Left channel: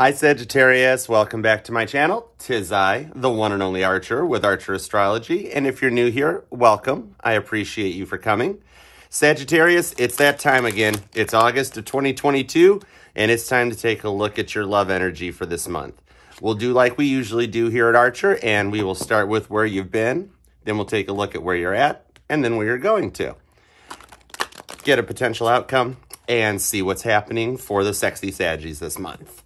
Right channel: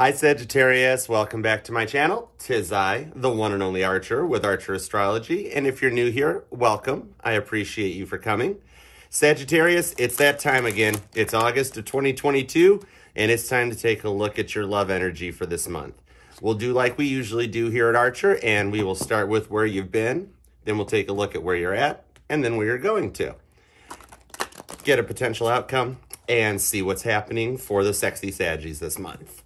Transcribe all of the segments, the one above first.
Hi Sagittarius, welcome back to my channel. 'Tis I, the one and only Archer with Archer Astrology. And if you're new here, welcome. I appreciate you for coming. Sagittarius, it's that time again. It's August of 2022, and it's time to take a look at your love energy for this month. We'll do like we usually do here at Archer, and we will start with where you've been. Then we'll take a look at where you're at, and then where you're going to. Get a potential outcome, and see what's happening for the sexy Saggies this month.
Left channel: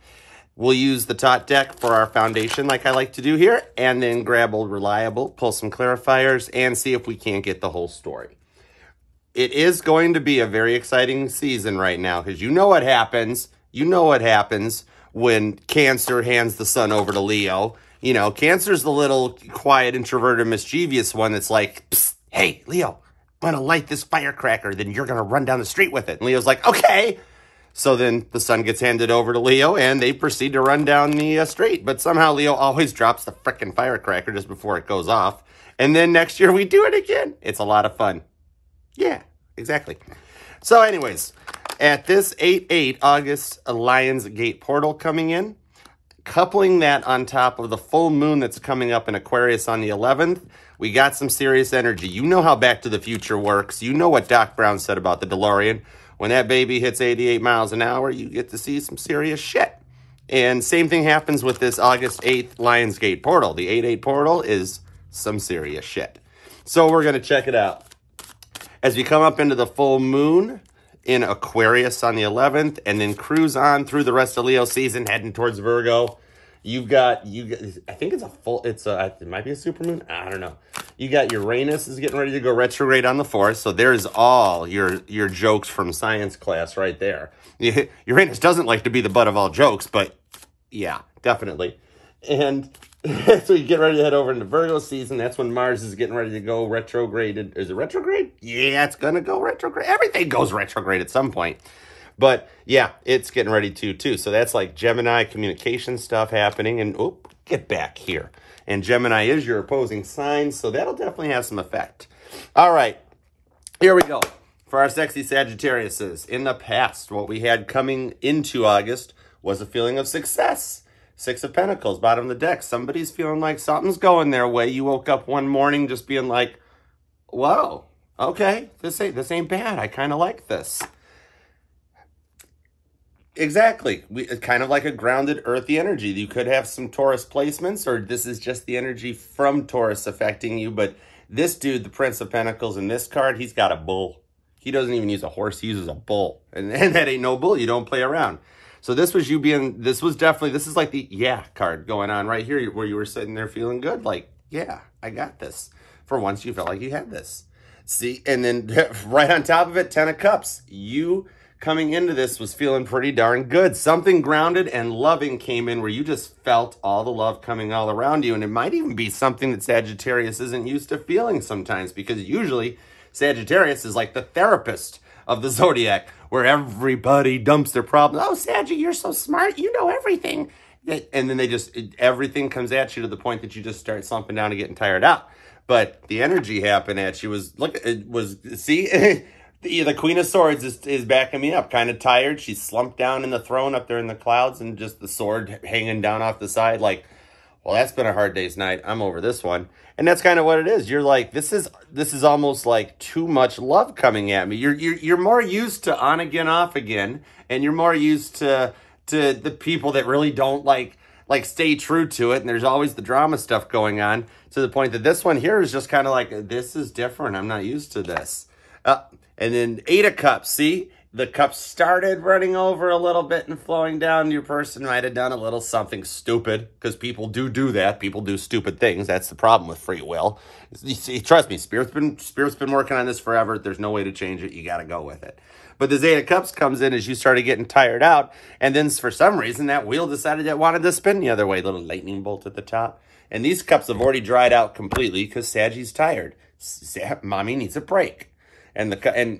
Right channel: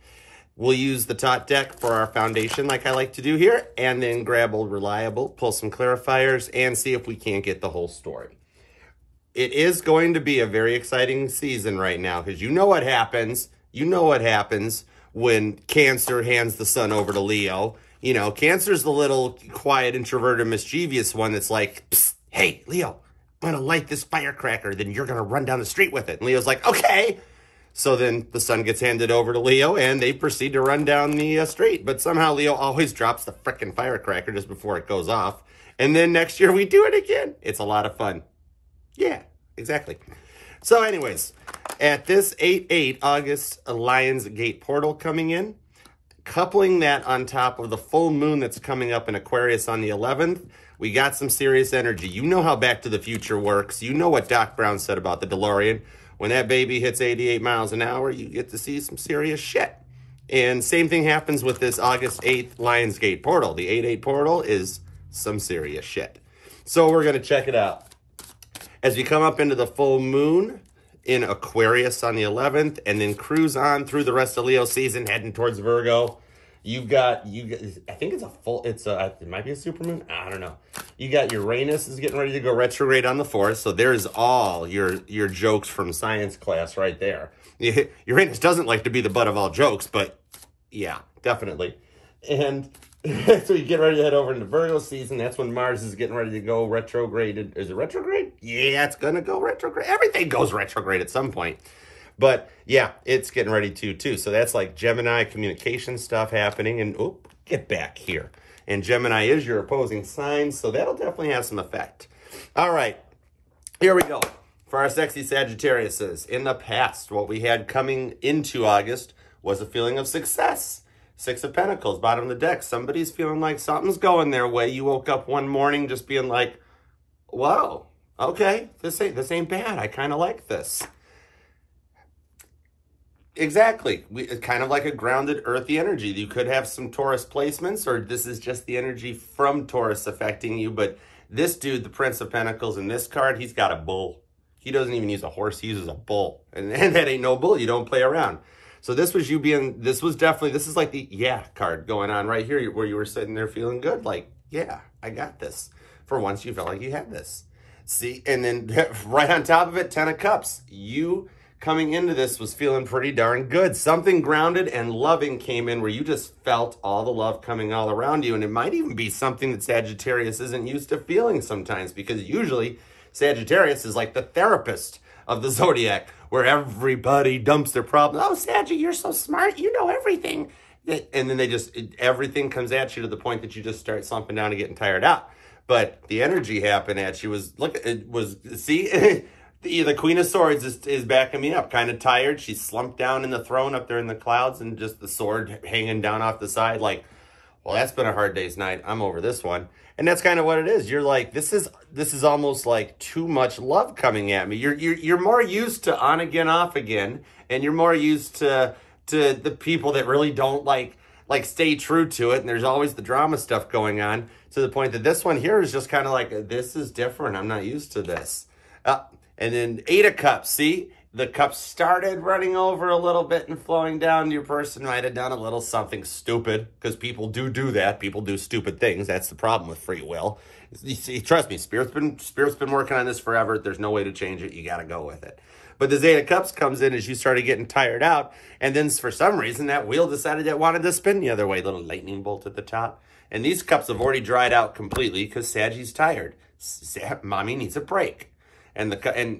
We'll use the Tot deck for our foundation like I like to do here, and then grab Old Reliable, pull some clarifiers, and see if we can't get the whole story. It is going to be a very exciting season right now, because you know what happens. You know what happens when Cancer hands the sun over to Leo. You know, Cancer's the little quiet, introverted, mischievous one that's like, psst, hey, Leo, I'm going to light this firecracker, then you're going to run down the street with it. And Leo's like, okay. So then the sun gets handed over to Leo, and they proceed to run down the street. But somehow Leo always drops the frickin' firecracker just before it goes off. And then next year we do it again. It's a lot of fun. Yeah, exactly. So anyways, at this 8/8 August, a Lion's Gate portal coming in. Coupling that on top of the full moon that's coming up in Aquarius on the 11th, we got some serious energy. You know how Back to the Future works. You know what Doc Brown said about the DeLorean. When that baby hits 88 miles an hour, you get to see some serious shit. And same thing happens with this August 8th Lionsgate portal. The 8/8 portal is some serious shit. So we're going to check it out. As we come up into the full moon in Aquarius on the 11th, and then cruise on through the rest of Leo season, heading towards Virgo, you got I think it might be a supermoon. I don't know. You got Uranus is getting ready to go retrograde on the 4th. So there's all your jokes from science class right there. Uranus doesn't like to be the butt of all jokes, but yeah, definitely. And so you get ready to head over into Virgo season. That's when Mars is getting ready to go retrograde. Is it retrograde? Yeah, it's going to go retrograde. Everything goes retrograde at some point. But yeah, it's getting ready to too. So that's like Gemini communication stuff happening. And oh, get back here. And Gemini is your opposing sign. So that'll definitely have some effect. All right, here we go. For our sexy Sagittariuses, in the past, what we had coming into August was a feeling of success. 6 of Pentacles, bottom of the deck. Somebody's feeling like something's going their way. You woke up one morning just being like, whoa, okay, this ain't bad. I kind of like this. Exactly. It's kind of like a grounded, earthy energy. You could have some Taurus placements, or this is just the energy from Taurus affecting you. But this dude, the Prince of Pentacles, in this card, he's got a bull. He doesn't even use a horse. He uses a bull. And that ain't no bull. You don't play around. So this was you being, this is like the yeah card going on right here, where you were sitting there feeling good. Like, yeah, I got this. For once, you felt like you had this. See, and then right on top of it, 10 of Cups. You coming into this was feeling pretty darn good. Something grounded and loving came in where you just felt all the love coming all around you. And it might even be something that Sagittarius isn't used to feeling sometimes, because usually Sagittarius is like the therapist of the zodiac, where everybody dumps their problems. Oh, Saggy, you're so smart. You know everything. And then everything comes at you to the point that you just start slumping down and getting tired out. But the energy happened at you see, the Queen of Swords is backing me up. Kind of tired. She's slumped down in the throne up there in the clouds, and just the sword hanging down off the side. Like, well, that's been a hard day's night. I'm over this one. And that's kind of what it is. You're like, this is almost like too much love coming at me. You're more used to on again, off again, and you're more used to the people that really don't like stay true to it. And there's always the drama stuff going on, to the point that this one here is just kind of like, this is different. I'm not used to this. And then 8 of Cups. See, the cups started running over a little bit and flowing down. Your person might have done a little something stupid, because people do that. People do stupid things. That's the problem with free will. You see, trust me, Spirit's been working on this forever. There's no way to change it. You got to go with it. But the 8 of Cups comes in as you started getting tired out. And then for some reason, that wheel decided it wanted to spin the other way. Little lightning bolt at the top. And these cups have already dried out completely, because Saggie's tired. Mommy needs a break. And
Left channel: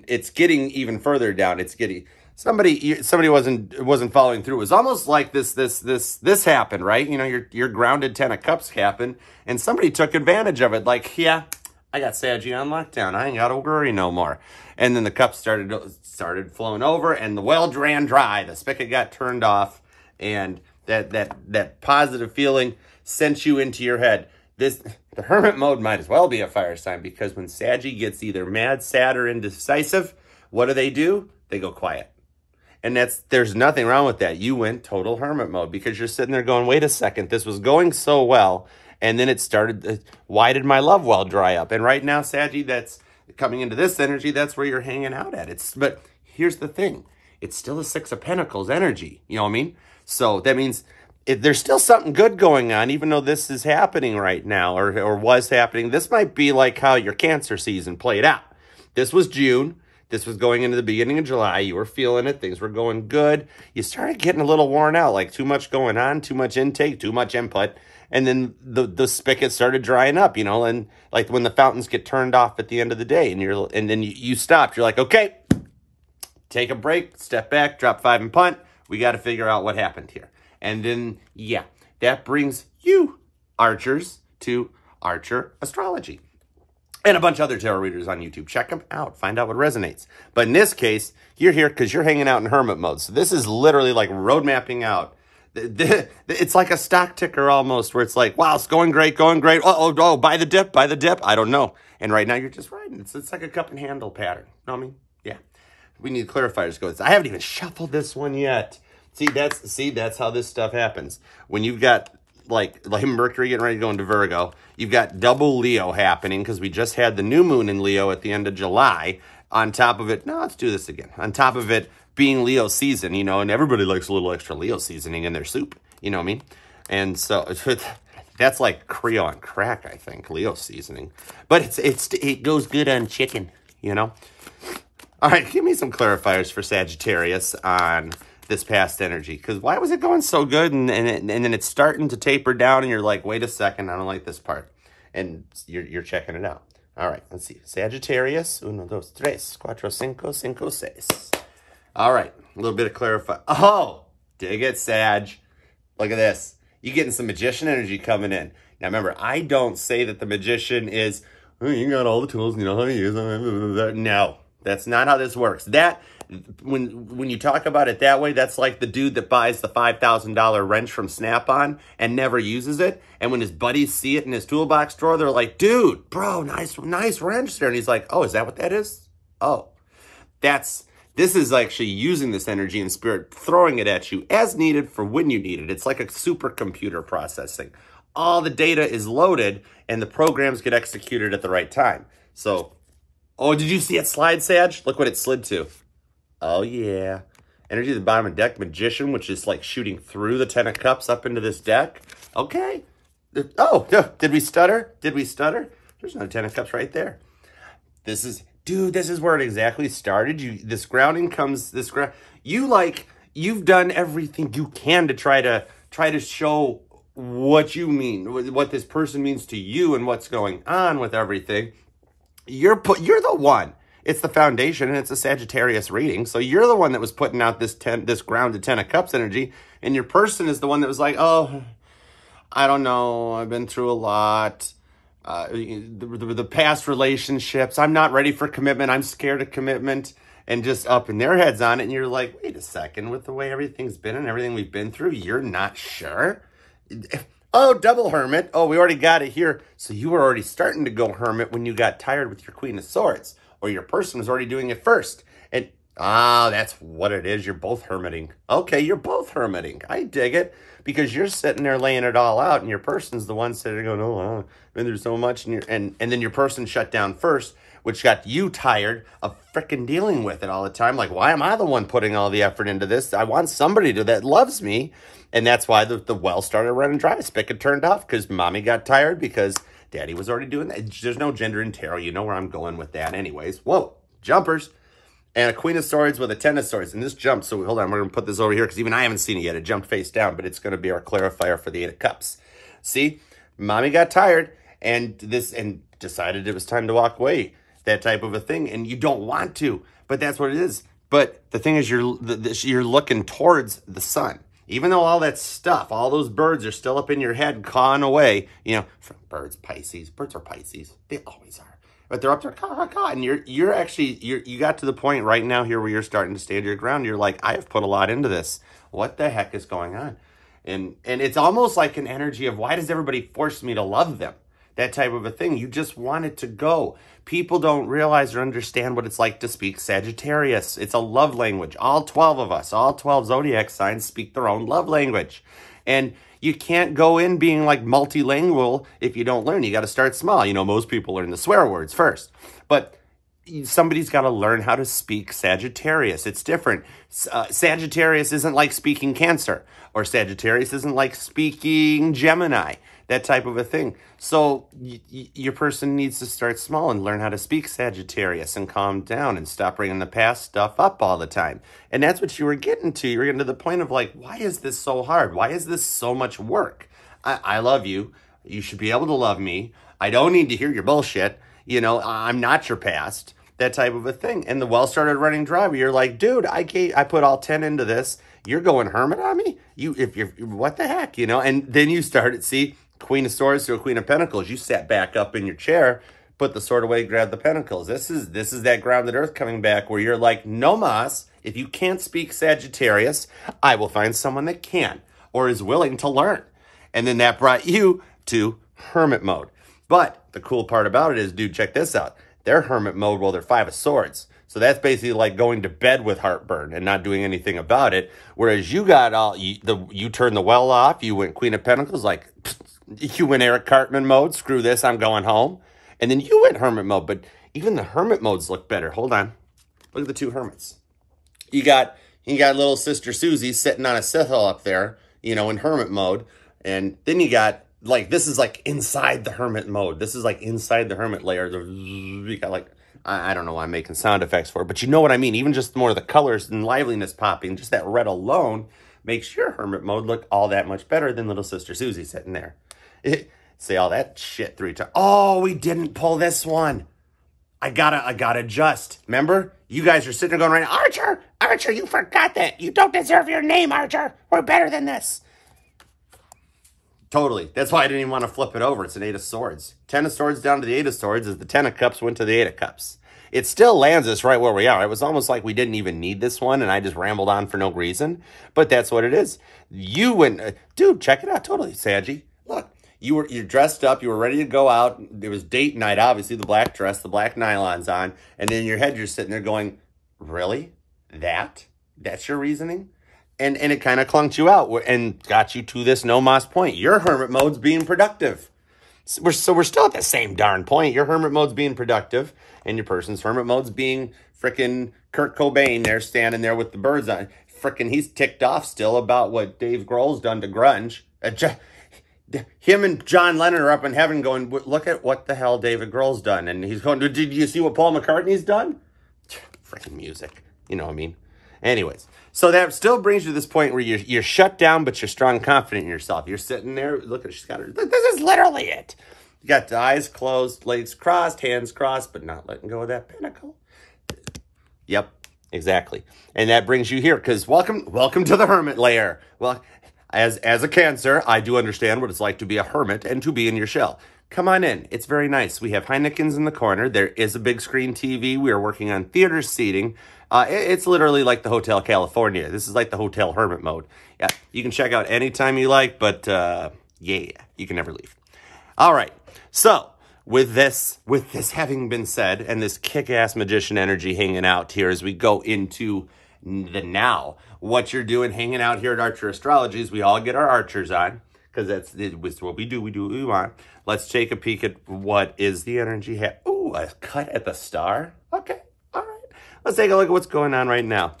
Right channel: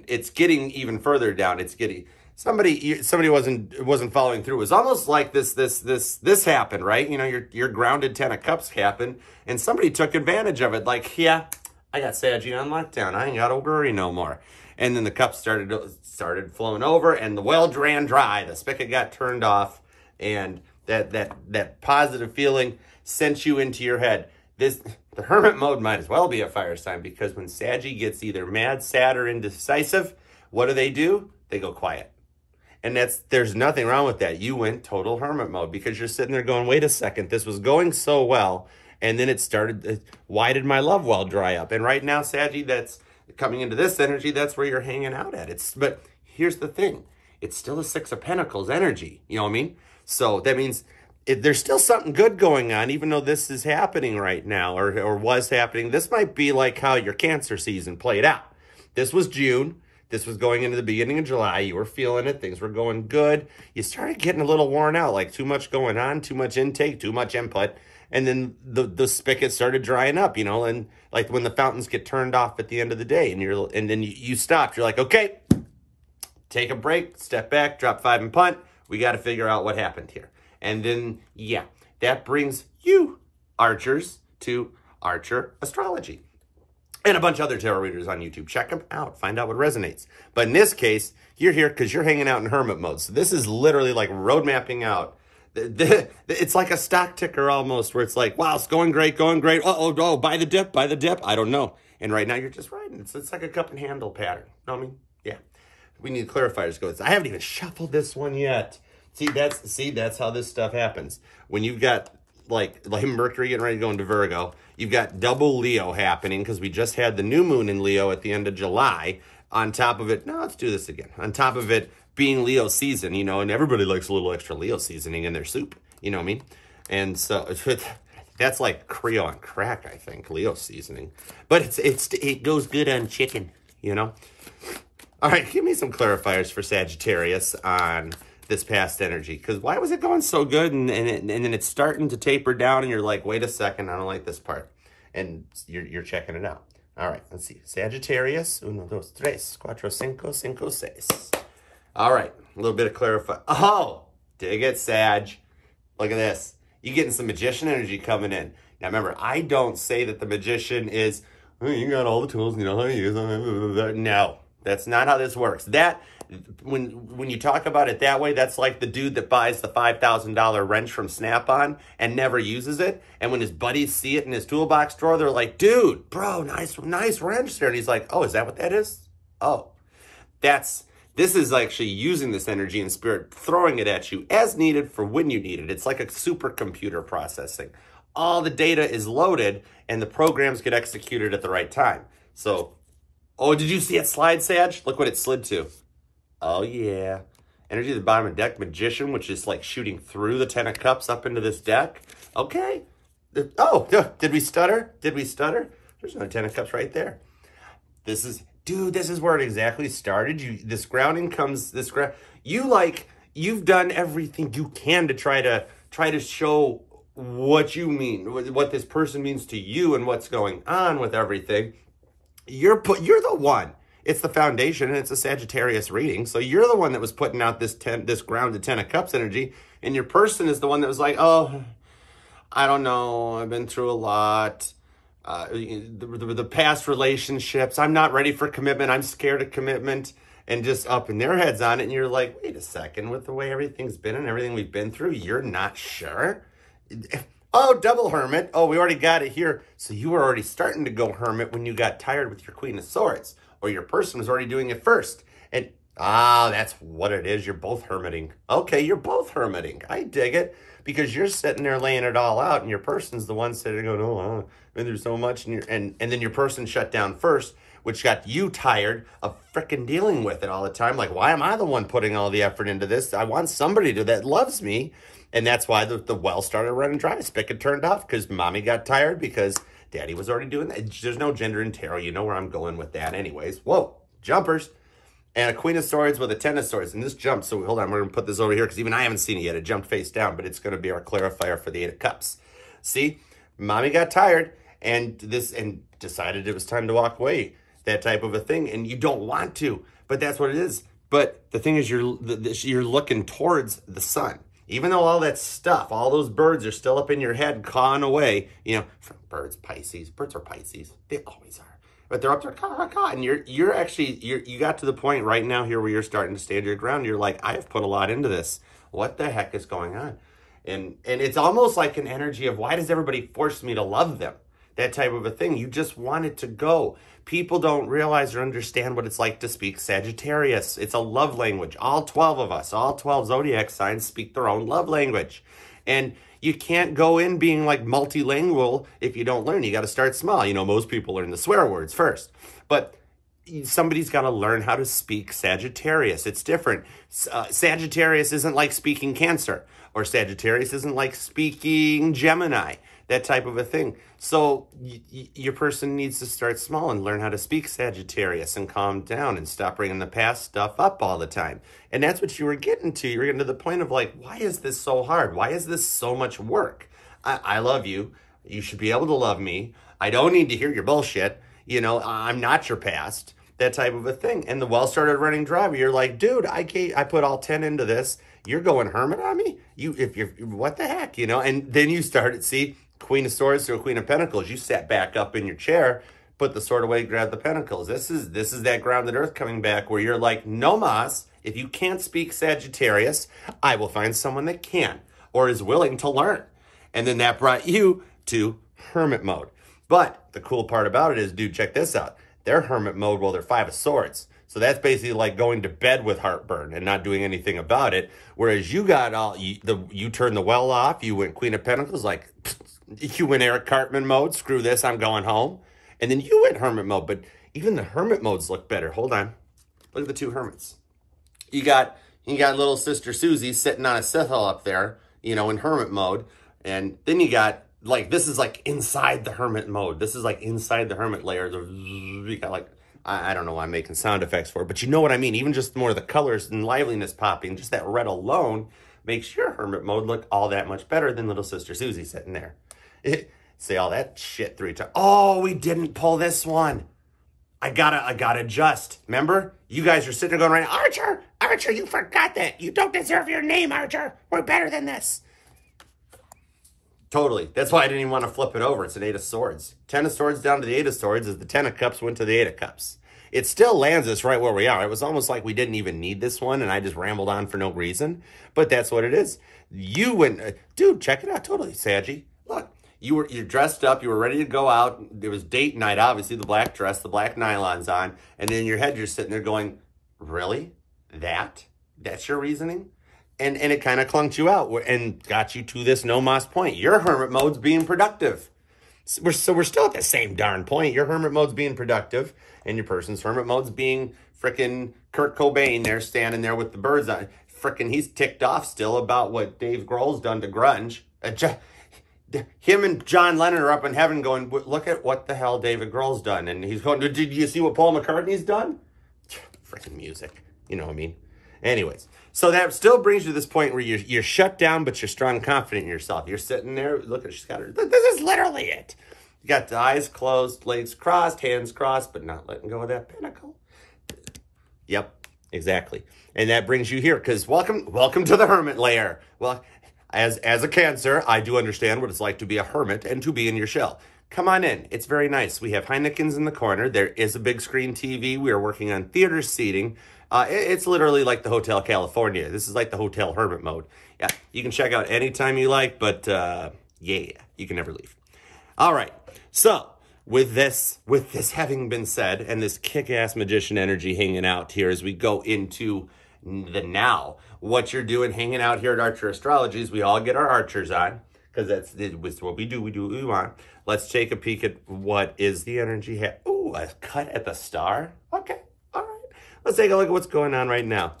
it's getting even further down. It's getting, somebody wasn't following through. It was almost like this happened, right? You know, your grounded 10 of Cups happened, and somebody took advantage of it. Like, yeah, I got Saggy on lockdown. I ain't got to worry no more. And then the cups started flowing over, and the well ran dry. The spigot got turned off, and That positive feeling sent you into your head. The hermit mode might as well be a fire sign, because when Saggy gets either mad, sad, or indecisive, what do? They go quiet. And there's nothing wrong with that. You went total hermit mode because you're sitting there going, wait a second, this was going so well. And then it started, why did my love well dry up? And right now, Saggy, that's coming into this energy, that's where you're hanging out at. But here's the thing. It's still a Six of Pentacles energy. You know what I mean? So that means there's still something good going on, even though this is happening right now or was happening. This might be like how your Cancer season played out. This was June. This was going into the beginning of July. You were feeling it. Things were going good. You started getting a little worn out, like too much going on, too much intake, too much input. And then the spigot started drying up, you know, and like when the fountains get turned off at the end of the day and then you stopped. You're like, okay, take a break, step back, drop 5 and punt. We got to figure out what happened here. And then, yeah, that brings you, Archers, to Archer Astrology. And a bunch of other tarot readers on YouTube. Check them out. Find out what resonates. But in this case, you're here because you're hanging out in hermit mode. So this is literally like road mapping out. It's like a stock ticker almost, where it's like, wow, it's going great, going great. Oh, buy the dip. I don't know. And right now you're just riding. It's like a cup and handle pattern. Know what I mean? Yeah. We need clarifiers to go. I haven't even shuffled this one yet. See, that's how this stuff happens. When you've got like Mercury getting ready to go into Virgo, you've got double Leo happening because we just had the new moon in Leo at the end of July. On top of it, no, let's do this again. On top of it being Leo season, you know, and everybody likes a little extra Leo seasoning in their soup. You know what I mean? And so that's like Creole on crack, I think, Leo seasoning. But it goes good on chicken, you know? All right, give me some clarifiers for Sagittarius on this past energy, because why was it going so good and then it's starting to taper down and you're like, wait a second, I don't like this part, and you're checking it out. All right, let's see. Sagittarius, 1, 2, 3, 4, 5, 5, 6. All right, a little bit of clarify. Oh, dig it, Sag. Look at this. You're getting some magician energy coming in. Now remember, I don't say that the magician is, oh, you got all the tools, you know how to use them. No, that's not how this works. When you talk about it that way, that's like the dude that buys the $5,000 wrench from Snap-on and never uses it. And when his buddies see it in his toolbox drawer, they're like, dude, bro, nice wrench there. And he's like, oh, is that what that is? Oh, this is actually using this energy in spirit, throwing it at you as needed for when you need it. It's like a supercomputer processing. All the data is loaded and the programs get executed at the right time. So, oh, did you see it slide, Sag? Look what it slid to. Oh, yeah. Energy at the bottom of the deck, Magician, which is like shooting through the 10 of Cups up into this deck. Okay. Oh, did we stutter? There's no 10 of Cups right there. This is where it exactly started. This grounding comes, you've done everything you can to try to show what you mean, what this person means to you and what's going on with everything. You're the one. It's the foundation, and it's a Sagittarius reading. So you're the one that was putting out this grounded 10 of Cups energy, and your person is the one that was like, oh, I don't know, I've been through a lot. The past relationships, I'm not ready for commitment, I'm scared of commitment, and just up in their heads on it, and you're like, wait a second, with the way everything's been and everything we've been through, you're not sure? Oh, double hermit. Oh, we already got it here. So you were already starting to go hermit when you got tired with your Queen of Swords. Or your person was already doing it first. And, that's what it is. You're both hermiting. Okay, you're both hermiting. I dig it. Because you're sitting there laying it all out, and your person's the one sitting there going, oh, there's so much. And then your person shut down first, which got you tired of frickin' dealing with it all the time. Like, why am I the one putting all the effort into this? I want somebody that loves me. And that's why the well started running dry. Spigot turned off because mommy got tired because daddy was already doing that. There's no gender in tarot. You know where I'm going with that anyways. Whoa, jumpers. And a Queen of Swords with a 10 of Swords. And this jumps. So hold on, we're going to put this over here because even I haven't seen it yet. It jumped face down, but it's going to be our clarifier for the 8 of Cups. See, mommy got tired and decided it was time to walk away. That type of a thing. And you don't want to, but that's what it is. But the thing is, you're looking towards the sun. Even though all that stuff, all those birds are still up in your head cawing away, you know, birds are Pisces. They always are. But they're up there, caw. And you got to the point right now here where you're starting to stand your ground. You're like, I have put a lot into this. What the heck is going on? And it's almost like an energy of, why does everybody force me to love them? That type of a thing. You just want it to go. People don't realize or understand what it's like to speak Sagittarius. It's a love language. All 12 of us, all 12 zodiac signs speak their own love language. And you can't go in being like multilingual if you don't learn. You got to start small. You know, most people learn the swear words first. But somebody's got to learn how to speak Sagittarius. It's different. Sagittarius isn't like speaking Cancer, or Sagittarius isn't like speaking Gemini, that type of a thing. So your person needs to start small and learn how to speak Sagittarius and calm down and stop bringing the past stuff up all the time. And that's what you were getting to. You were getting to the point of like, why is this so hard? Why is this so much work? I love you. You should be able to love me. I don't need to hear your bullshit. You know, I'm not your past, that type of a thing. And the well started running dry. You're like, dude, I put all 10 into this. You're going hermit on me? What the heck, you know? And then you started, see, Queen of Swords to a Queen of Pentacles. You sat back up in your chair, put the sword away, grabbed the pentacles. This is that grounded earth coming back where you're like, no mas, if you can't speak Sagittarius, I will find someone that can or is willing to learn. And then that brought you to hermit mode. But the cool part about it is, dude, check this out. They're hermit mode while they're Five of Swords. So that's basically like going to bed with heartburn and not doing anything about it. Whereas you got you turned the well off. You went Queen of Pentacles, like you went Eric Cartman mode. Screw this, I'm going home. And then you went hermit mode. But even the hermit modes look better. Hold on. Look at the two hermits. You got little sister Susie sitting on a Sithal up there, you know, in hermit mode. And then you got, like, this is like inside the hermit mode. This is like inside the hermit layer. You got like, I don't know why I'm making sound effects for it, but you know what I mean. Even just more of the colors and liveliness popping, just that red alone makes your hermit mode look all that much better than little sister Susie sitting there. Say all that shit 3 times. Oh, we didn't pull this one. I gotta adjust. Remember? You guys are sitting there going right, Archer, you forgot that. You don't deserve your name, Archer. We're better than this. Totally. That's why I didn't even want to flip it over. It's an 8 of Swords. 10 of Swords down to the 8 of Swords is the 10 of Cups went to the 8 of Cups. It still lands us right where we are. It was almost like we didn't even need this one, and I just rambled on for no reason. But that's what it is. You went, dude, check it out. Totally, Saggy. Look, you're dressed up. You were ready to go out. There was date night, obviously, the black dress, the black nylons on. And then in your head, you're sitting there going, really? That's your reasoning? And it kind of clunked you out and got you to this no mas point. Your hermit mode's being productive. So we're still at the same darn point. Your hermit mode's being productive, and your person's hermit mode's being frickin' Kurt Cobain there, standing there with the birds on. Frickin' he's ticked off still about what Dave Grohl's done to grunge. Him and John Lennon are up in heaven going, look at what the hell David Grohl's done. And he's going, did you see what Paul McCartney's done? Frickin' music. You know what I mean? Anyways, so that still brings you to this point where you're shut down, but you're strong, confident in yourself. You're sitting there, look at she's got her. This is literally it. You got the eyes closed, legs crossed, hands crossed, but not letting go of that pinnacle. Yep, exactly. And that brings you here, because welcome to the hermit layer. Well, as a Cancer, I do understand what it's like to be a hermit and to be in your shell. Come on in. It's very nice. We have Heineken's in the corner. There is a big screen TV. We are working on theater seating. It's literally like the Hotel California. This is like the hotel hermit mode. Yeah, you can check out anytime you like, but yeah, you can never leave. All right. So with this having been said, and this kick-ass magician energy hanging out here as we go into the now, what you're doing hanging out here at Archer Astrology is we all get our archers on, because that's what we do. We do what we want. Let's take a peek at what is the energy. Ooh, a cut at the star. Okay. All right. Let's take a look at what's going on right now.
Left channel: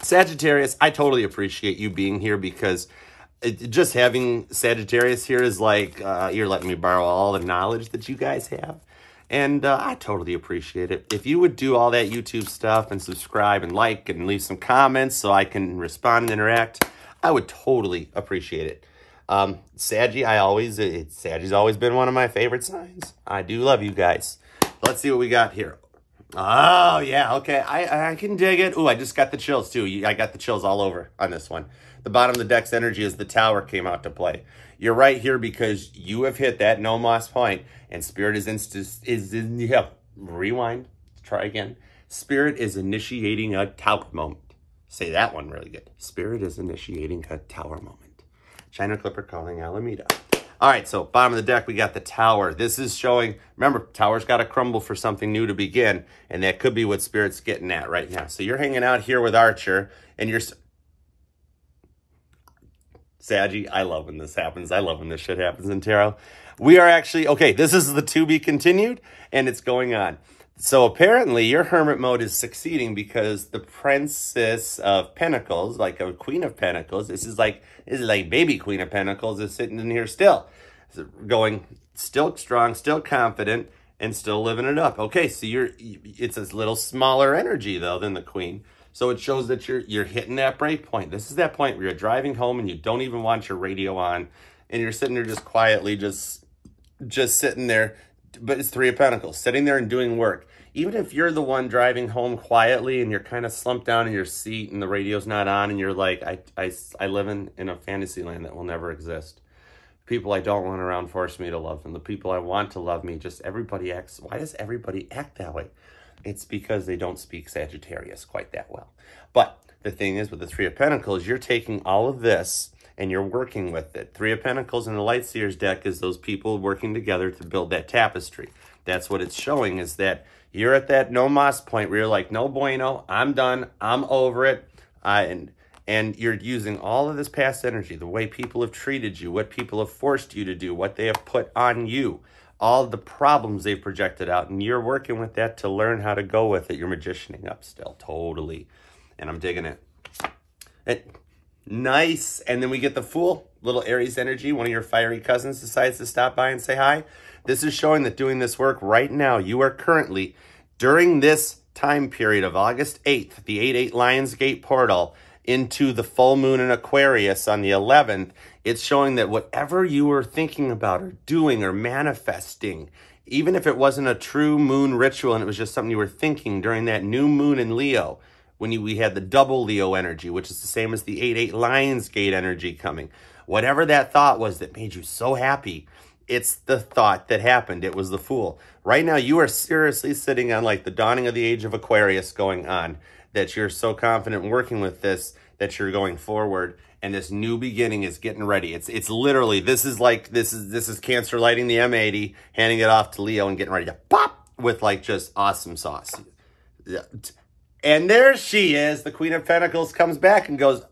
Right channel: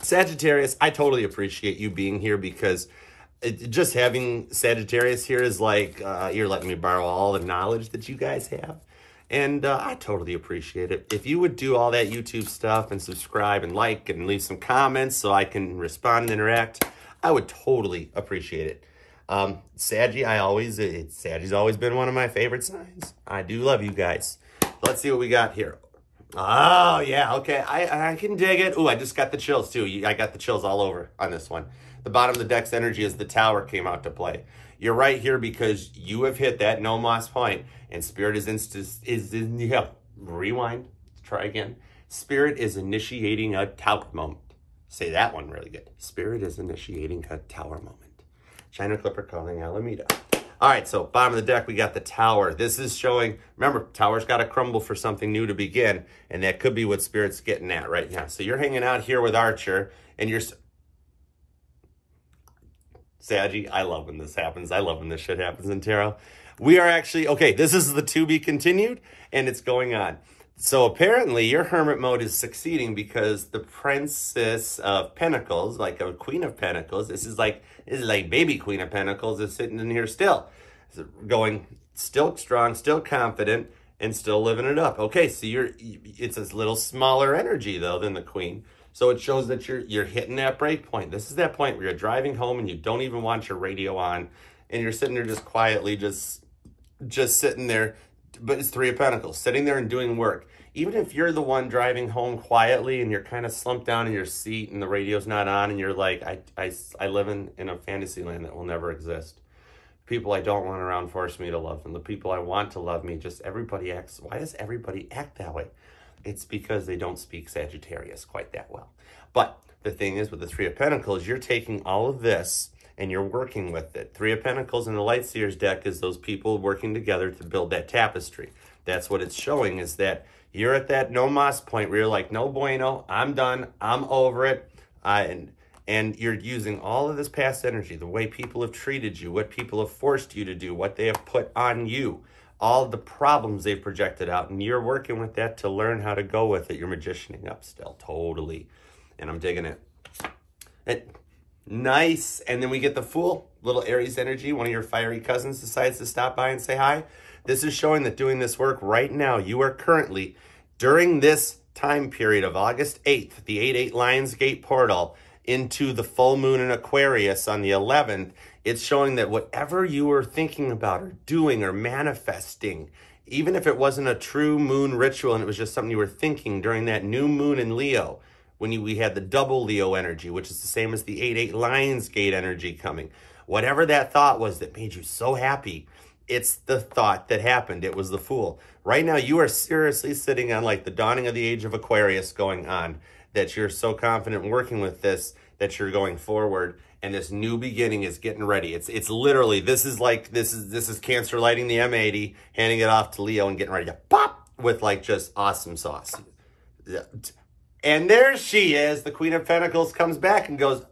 Sagittarius, I totally appreciate you being here, because just having Sagittarius here is like you're letting me borrow all the knowledge that you guys have. And I totally appreciate it. If you would do all that YouTube stuff and subscribe and like and leave some comments so I can respond and interact, I would totally appreciate it. Saggy's always been one of my favorite signs. I do love you guys. Let's see what we got here. Oh, yeah, okay. I can dig it. Ooh, I just got the chills, too. I got the chills all over on this one. The bottom of the deck's energy is the Tower came out to play. You're right here because you have hit that no mas point, and Spirit rewind, try again. Spirit is initiating a Tower moment. Say that one really good. Spirit is initiating a Tower moment. China Clipper calling Alameda. All right, so bottom of the deck, we got the Tower. This is showing, remember, Tower's got to crumble for something new to begin, and that could be what Spirit's getting at right now. So you're hanging out here with Archer, and you're... Saggy, I love when this happens. I love when this shit happens in tarot. We are actually, okay, this is the to be continued, and it's going on. So apparently your hermit mode is succeeding because the Princess of Pentacles, like a Queen of Pentacles, this is like baby Queen of Pentacles is sitting in here still, going still strong, still confident, and still living it up. Okay, so it's a little smaller energy though than the Queen. So it shows that you're hitting that break point. This is that point where you're driving home and you don't even want your radio on, and you're sitting there just quietly, just sitting there. But it's Three of Pentacles, sitting there and doing work. Even if you're the one driving home quietly and you're kind of slumped down in your seat and the radio's not on and you're like, I live in a fantasy land that will never exist. People I don't want around force me to love them. The people I want to love me, just everybody acts. Why does everybody act that way? It's because they don't speak Sagittarius quite that well. But the thing is, with the Three of Pentacles, you're taking all of this and you're working with it. Three of Pentacles in the Light Seers deck is those people working together to build that tapestry. That's what it's showing, is that you're at that no mas point where you're like, no bueno, I'm done, I'm over it. And you're using all of this past energy, the way people have treated you, what people have forced you to do, what they have put on you, all the problems they've projected out, and you're working with that to learn how to go with it. You're magicianing up still, totally. And I'm digging it. Nice. And then we get the Fool, little Aries energy. One of your fiery cousins decides to stop by and say hi. This is showing that doing this work right now, you are currently, during this time period of August 8th, the 8/8 Lionsgate portal into the full moon in Aquarius on the 11th, it's showing that whatever you were thinking about or doing or manifesting, even if it wasn't a true moon ritual and it was just something you were thinking during that new moon in Leo, when we had the double Leo energy, which is the same as the 8/8 Lionsgate energy coming. Whatever that thought was that made you so happy, it's the thought that happened. It was the Fool. Right now, you are seriously sitting on like the dawning of the age of Aquarius going on, that you're so confident working with this, that you're going forward, and this new beginning is getting ready. It's literally, this is Cancer lighting the M80, handing it off to Leo and getting ready to pop with like just awesome sauce. And there she is. The Queen of Pentacles comes back and goes,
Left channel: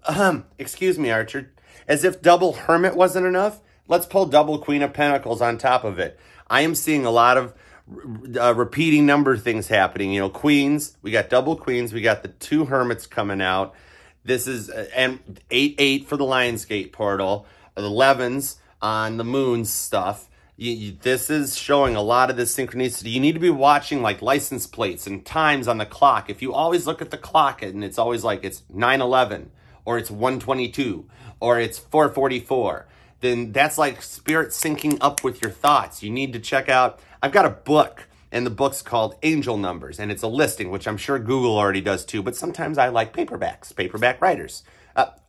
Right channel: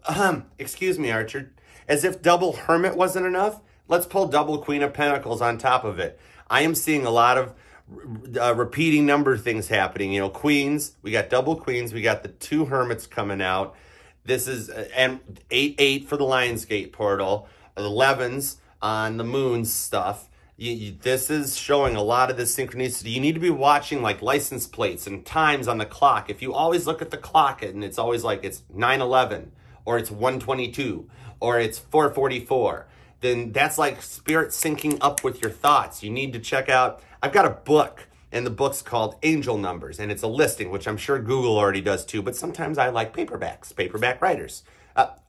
excuse me, Archer. As if double Hermit wasn't enough, let's pull double Queen of Pentacles on top of it. I am seeing a lot of repeating number things happening. You know, Queens, we got double Queens. We got the two Hermits coming out. This is, and 8/8 for the Lionsgate portal. 11s on the moon stuff. This is showing a lot of this synchronicity. You need to be watching like license plates and times on the clock. If you always look at the clock and it's always like it's 9:11 or it's 1:22 or it's 4:44, then that's like spirit syncing up with your thoughts. You need to check out, I've got a book, and the book's called Angel Numbers, and it's a listing, which I'm sure Google already does too, but sometimes I like paperbacks, paperback writers.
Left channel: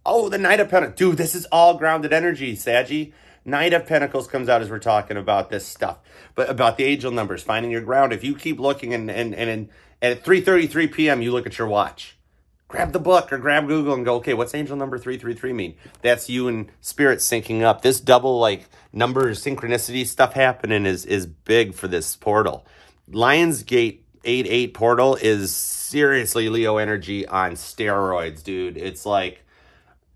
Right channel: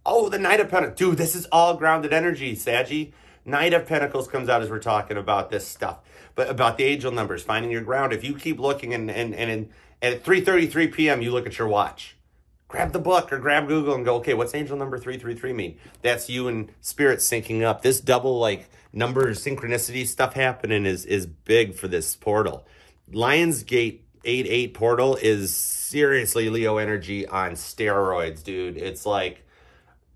Oh, the Knight of Pentacles. Dude, this is all grounded energy, Saggy. Knight of Pentacles comes out as we're talking about this stuff, but about the angel numbers, finding your ground. If you keep looking and at 3:33 p.m. you look at your watch, grab the book or grab Google and go, okay, what's angel number 333 mean? That's you and spirit syncing up. This double like numbers, synchronicity stuff happening is big for this portal. Lionsgate 8/8 portal is seriously Leo energy on steroids, dude. It's like,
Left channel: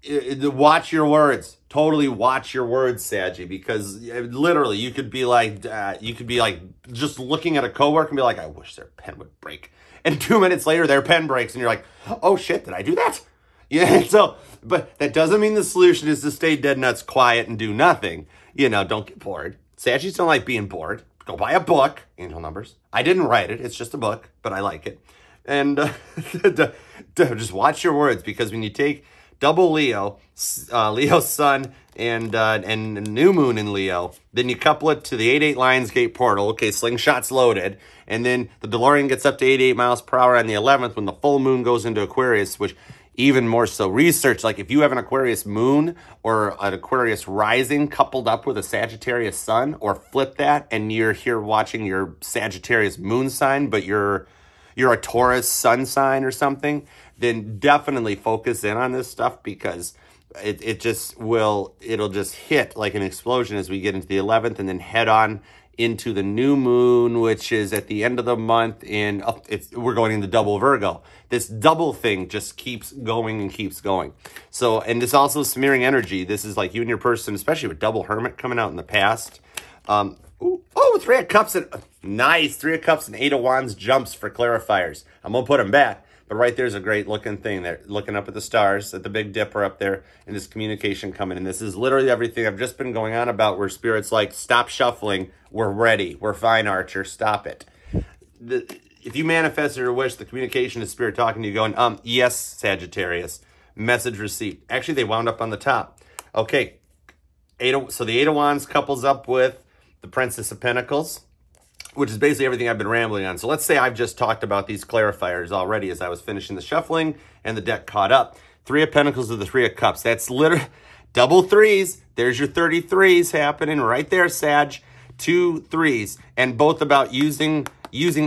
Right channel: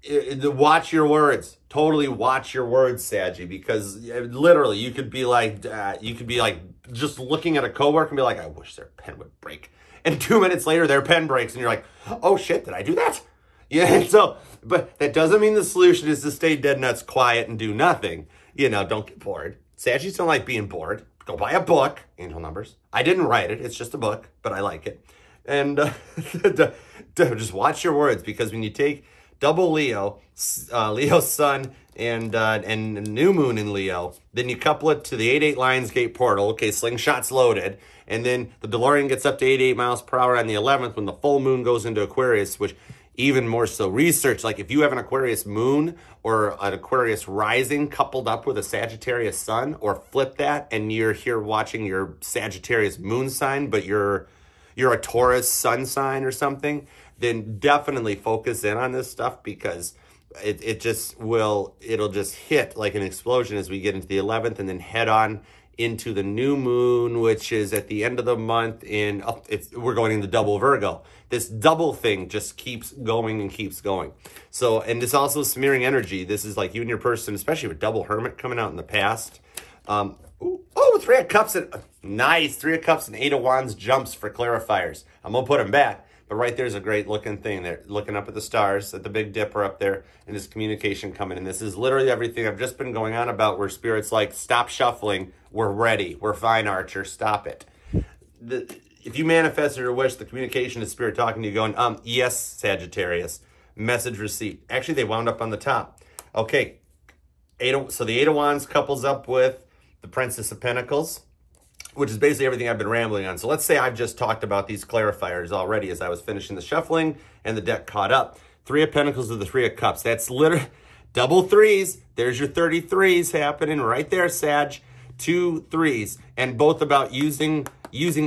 watch your words. Totally watch your words, Saggy, because literally you could be like just looking at a coworker and be like, I wish their pen would break. And 2 minutes later, their pen breaks and you're like, oh shit, did I do that? Yeah, so, but that doesn't mean the solution is to stay dead nuts quiet and do nothing. You know, don't get bored. Saggies don't like being bored. Go buy a book, Angel Numbers. I didn't write it. It's just a book, but I like it. And just watch your words, because when you take double Leo, Leo's sun, and new moon in Leo, then you couple it to the 8/8 Lionsgate portal. Okay, slingshot's loaded. And then the DeLorean gets up to 88 miles per hour on the 11th when the full moon goes into Aquarius, which even more so research, like if you have an Aquarius moon or an Aquarius rising coupled up with a Sagittarius sun, or flip that and you're here watching your Sagittarius moon sign, but you're a Taurus sun sign or something, then definitely focus in on this stuff, because it just will, it'll just hit like an explosion as we get into the 11th and then head on into the new moon, which is at the end of the month in, we're going into double Virgo. This double thing just keeps going and keeps going. So, and this also smearing energy. This is like you and your person, especially with double hermit coming out in the past. Three of Cups and nice. 3 of Cups and 8 of Wands jumps for clarifiers. I'm gonna put them back, but right there's a great looking thing there. Looking up at the stars, at the Big Dipper up there, and this communication coming. And this is literally everything I've just been going on about. Where Spirit's like, stop shuffling. We're ready. We're fine, Archer. Stop it. If you manifested or wish, the communication is Spirit talking to you, going, yes, Sagittarius. Message received. Actually, they wound up on the top. Okay. So the 8 of Wands couples up with the Princess of Pentacles, which is basically everything I've been rambling on. So let's say I've just talked about these clarifiers already as I was finishing the shuffling and the deck caught up. 3 of Pentacles with the 3 of Cups. That's literally double threes. There's your 33s happening right there, Sag. 2 3s, and both about using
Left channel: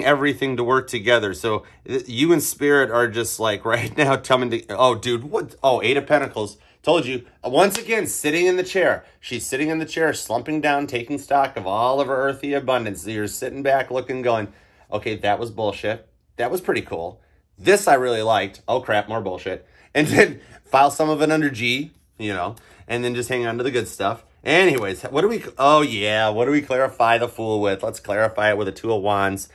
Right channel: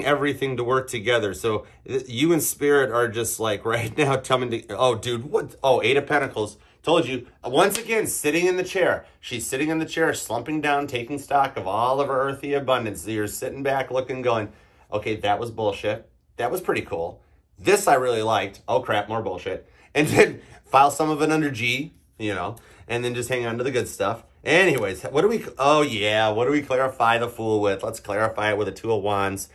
everything to work together. So you and Spirit are just like right now coming to, oh, dude, what? Oh, 8 of Pentacles. Told you, once again, sitting in the chair. She's sitting in the chair, slumping down, taking stock of all of her earthy abundance. So you're sitting back looking, going, okay, that was bullshit. That was pretty cool. This I really liked. Oh, crap, more bullshit. And then file some of it under G, you know, and then just hang on to the good stuff. Anyways, what do we clarify the Fool with? Let's clarify it with a 2 of Wands.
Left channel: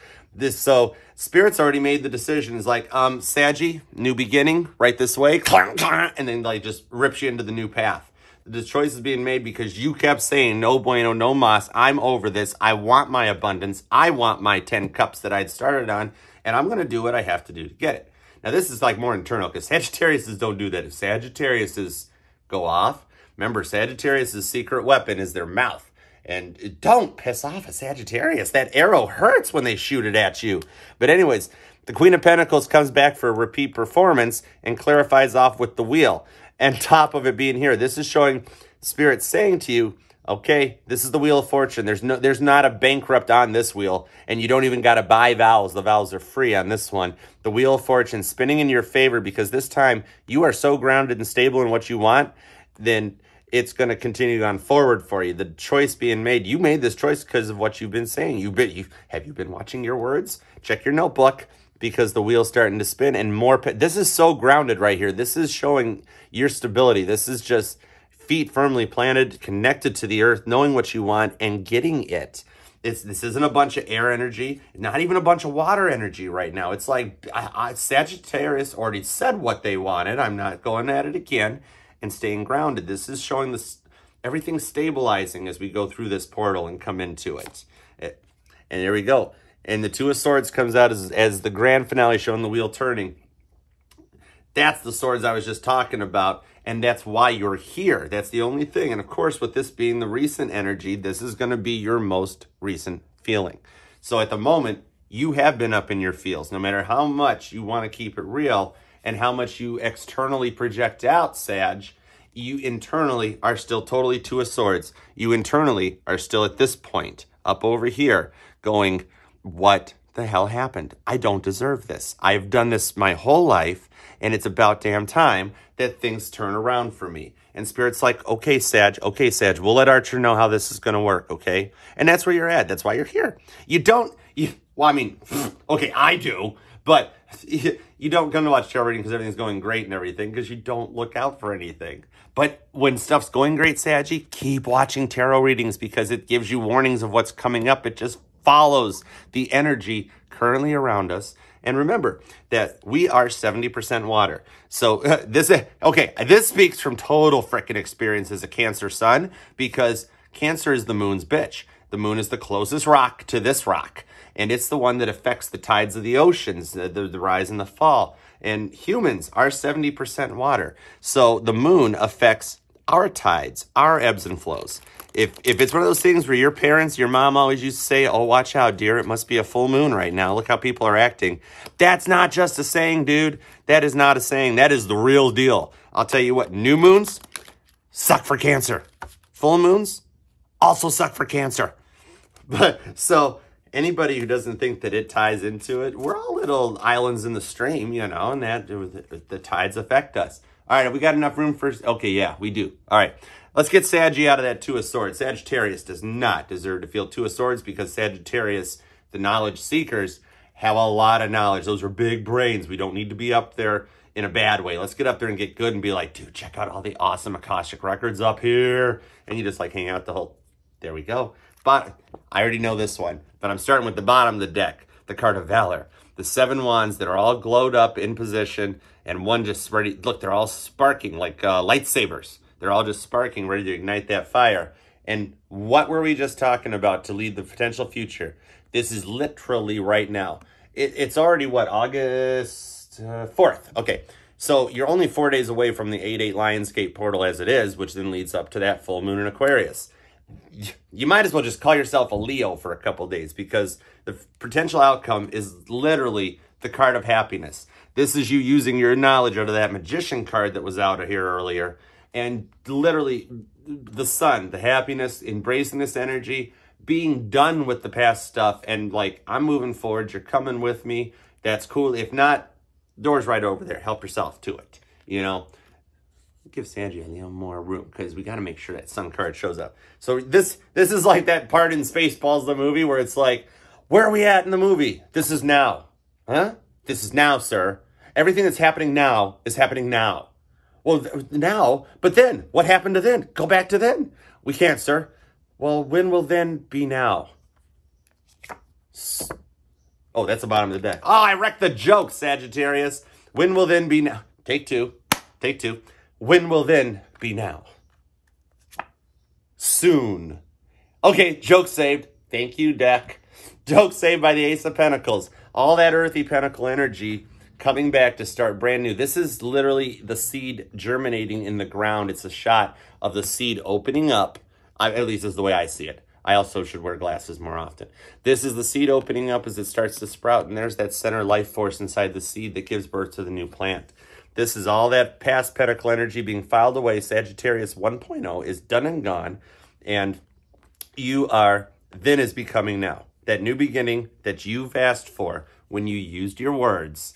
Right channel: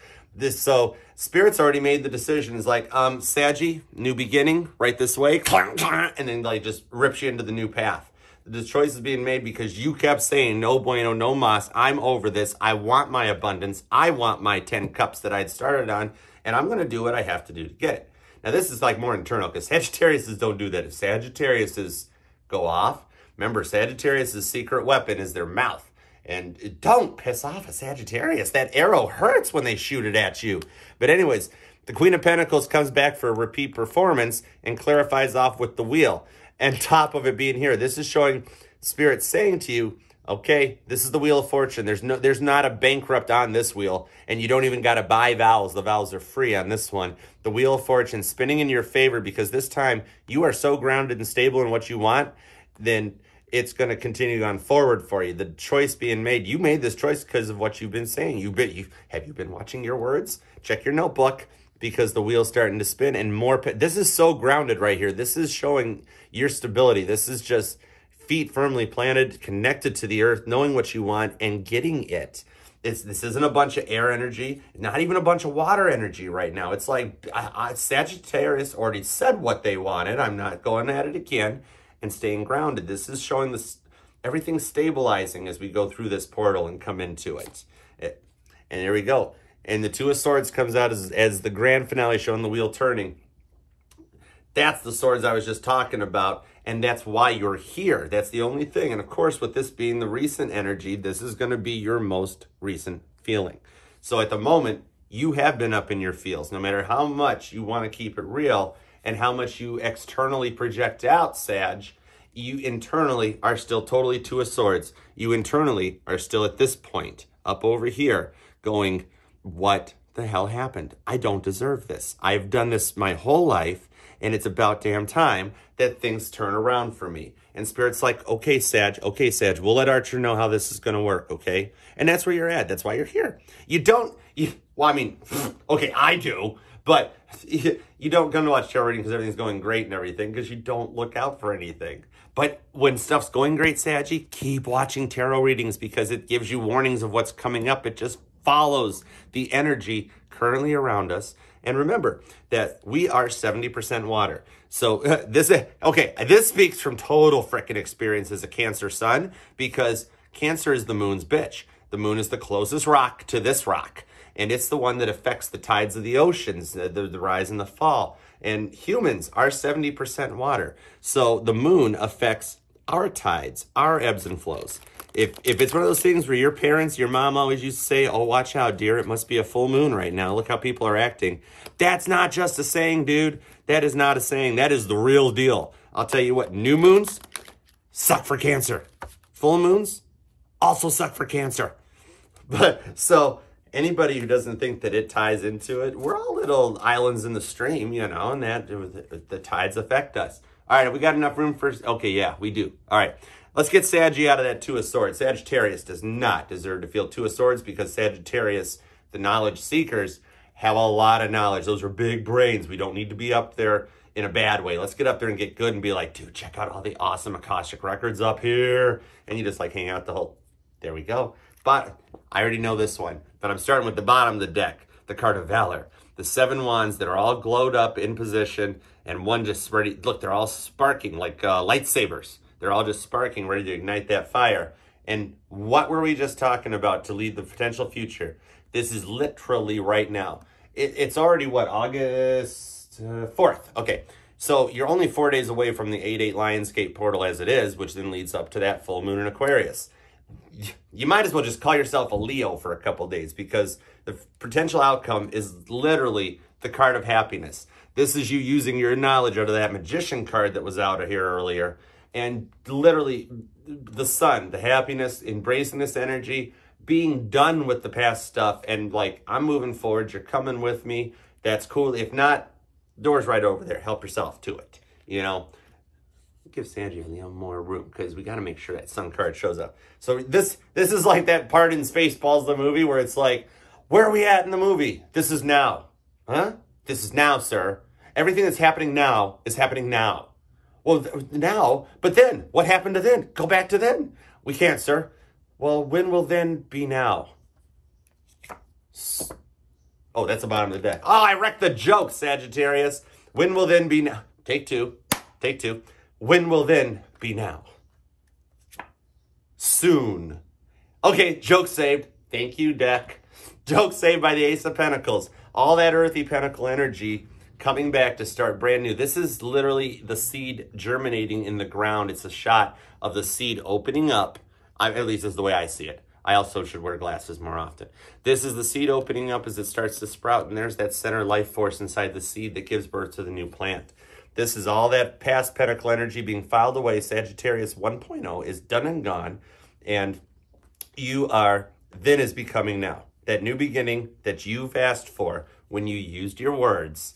So Spirit's already made the decision. It's like, Saggy, new beginning, right this way, and then like just rips you into the new path. The choice is being made because you kept saying, no bueno, no mas, I'm over this. I want my abundance. I want my 10 cups that I'd started on, and I'm going to do what I have to do to get it. Now, this is like more internal because Sagittarius don't do that. If Sagittarius go off, remember, Sagittarius' secret weapon is their mouth. And don't piss off a Sagittarius. That arrow hurts when they shoot it at you. But anyways, the Queen of Pentacles comes back for a repeat performance and clarifies off with the Wheel. And top of it being here, this is showing Spirit saying to you, okay, this is the Wheel of Fortune. There's not a bankrupt on this wheel, and you don't even got to buy vowels. The vowels are free on this one. The Wheel of Fortune spinning in your favor because this time you are so grounded and stable in what you want, then it's going to continue on forward for you. The choice being made, you made this choice because of what you've been saying. Have you been watching your words? Check your notebook because the wheel's starting to spin and more. This is so grounded right here. This is showing your stability. This is just feet firmly planted, connected to the earth, knowing what you want and getting it. This isn't a bunch of air energy, not even a bunch of water energy right now. It's like Sagittarius already said what they wanted. I'm not going at it again. And staying grounded. This is showing this everything stabilizing as we go through this portal and come into it. And there we go. And the 2 of Swords comes out as the grand finale, showing the wheel turning. That's the swords I was just talking about, and that's why you're here. That's the only thing. And of course, with this being the recent energy, this is going to be your most recent feeling. So at the moment, you have been up in your feels, no matter how much you want to keep it real. And how much you externally project out, Sag, you internally are still totally 2 of Swords. You internally are still at this point, up over here, going, what the hell happened? I don't deserve this. I've done this my whole life, and it's about damn time that things turn around for me. And Spirit's like, okay, Sag, we'll let Archer know how this is going to work, okay? And that's where you're at. That's why you're here. Well, I mean, okay, I do. But you don't come to watch tarot reading because everything's going great and everything because you don't look out for anything. But when stuff's going great, Saggy, keep watching tarot readings because it gives you warnings of what's coming up. It just follows the energy currently around us. And remember that we are 70% water. So this speaks from total frickin' experience as a Cancer sun because Cancer is the moon's bitch. The moon is the closest rock to this rock. And it's the one that affects the tides of the oceans, the rise and the fall. And humans are 70% water. So the moon affects our tides, our ebbs and flows. If it's one of those things where your parents, your mom always used to say, oh, watch out, dear, it must be a full moon right now. Look how people are acting. That's not just a saying, dude. That is not a saying. That is the real deal. I'll tell you what, new moons suck for Cancer. Full moons also suck for Cancer. But so anybody who doesn't think that it ties into it, we're all little islands in the stream, you know, and that the tides affect us. All right, have we got enough room for... Okay, yeah, we do. All right, let's get Saggy out of that Two of Swords. Sagittarius does not deserve to feel Two of Swords because Sagittarius, the knowledge seekers, have a lot of knowledge. Those are big brains. We don't need to be up there in a bad way. Let's get up there and get good and be like, dude, check out all the awesome Akashic records up here. And you just like hang out the whole... There we go. But I already know this one. But I'm starting with the bottom of the deck, the card of Valor. The 7 wands that are all glowed up in position, and one just ready. Look, they're all sparking like lightsabers. They're all just sparking, ready to ignite that fire. And what were we just talking about to lead the potential future? This is literally right now. It's already, what, August 4th? Okay, so you're only 4 days away from the 8-8 Lionsgate portal as it is, which then leads up to that full moon in Aquarius. You might as well just call yourself a Leo for a couple days because the potential outcome is literally the card of happiness. This is you using your knowledge out of that magician card that was out of here earlier. And literally the sun, the happiness, embracing this energy, being done with the past stuff. And like, I'm moving forward. You're coming with me. That's cool. If not, door's right over there. Help yourself to it. You know, give Sanji a little more room because we got to make sure that sun card shows up. So this is like that part in Spaceballs, the movie, where it's like, where are we at in the movie? This is now. Huh? This is now, sir. Everything that's happening now is happening now. Well, now, but then, what happened to then? Go back to then. We can't, sir. Well, when will then be now? Oh, that's the bottom of the deck. Oh, I wrecked the joke, Sagittarius. When will then be now? Take two. Take two. When will then be now? Soon. Okay, joke saved. Thank you, deck. Joke saved by the Ace of Pentacles. All that earthy pentacle energy coming back to start brand new. This is literally the seed germinating in the ground. It's a shot of the seed opening up. At least is the way I see it. I also should wear glasses more often. This is the seed opening up as it starts to sprout, and there's that center life force inside the seed that gives birth to the new plant. This is all that past pentacle energy being filed away. Sagittarius 1.0 is done and gone, and you are, then is becoming now. That new beginning that you've asked for when you used your words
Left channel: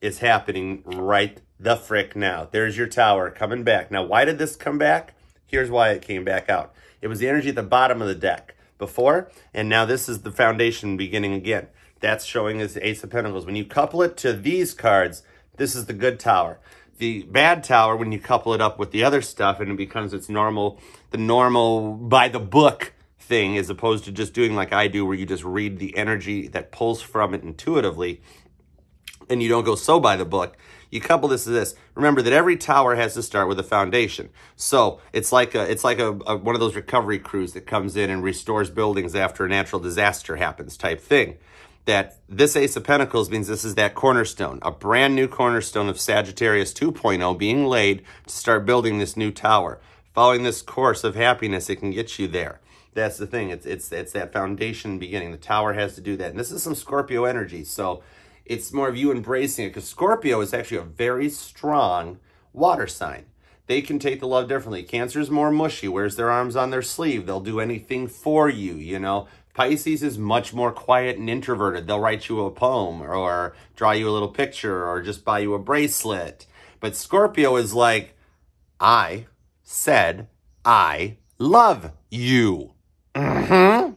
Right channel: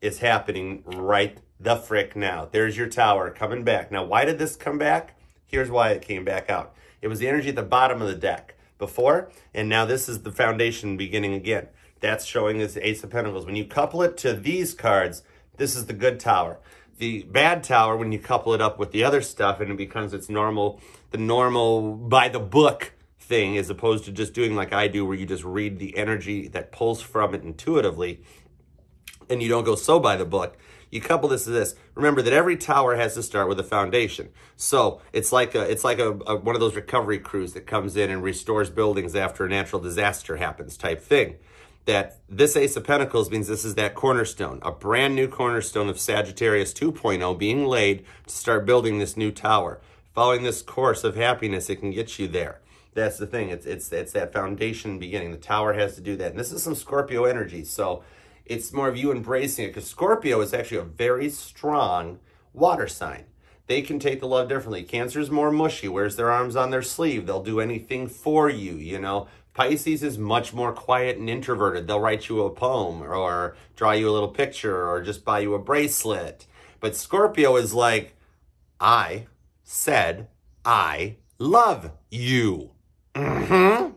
is happening right the frick now. There's your tower coming back. Now, why did this come back? Here's why it came back out. It was the energy at the bottom of the deck before, and now this is the foundation beginning again. That's showing as Ace of Pentacles. When you couple it to these cards, this is the good tower. The bad tower, when you couple it up with the other stuff and it becomes its normal, the normal by the book thing, as opposed to just doing like I do, where you just read the energy that pulls from it intuitively and you don't go so by the book. You couple this to this. Remember that every tower has to start with a foundation. So it's like a one of those recovery crews that comes in and restores buildings after a natural disaster happens type thing. That this Ace of Pentacles means this is that cornerstone, a brand new cornerstone of Sagittarius 2.0 being laid to start building this new tower. Following this course of happiness, it can get you there. That's the thing. It's that foundation beginning. The tower has to do that. And this is some Scorpio energy. So it's more of you embracing it, because Scorpio is actually a very strong water sign. They can take the love differently. Cancer is more mushy, wears their arms on their sleeve. They'll do anything for you, you know. Pisces is much more quiet and introverted. They'll write you a poem or draw you a little picture or just buy you a bracelet. But Scorpio is like, I said I love you. Mm-hmm.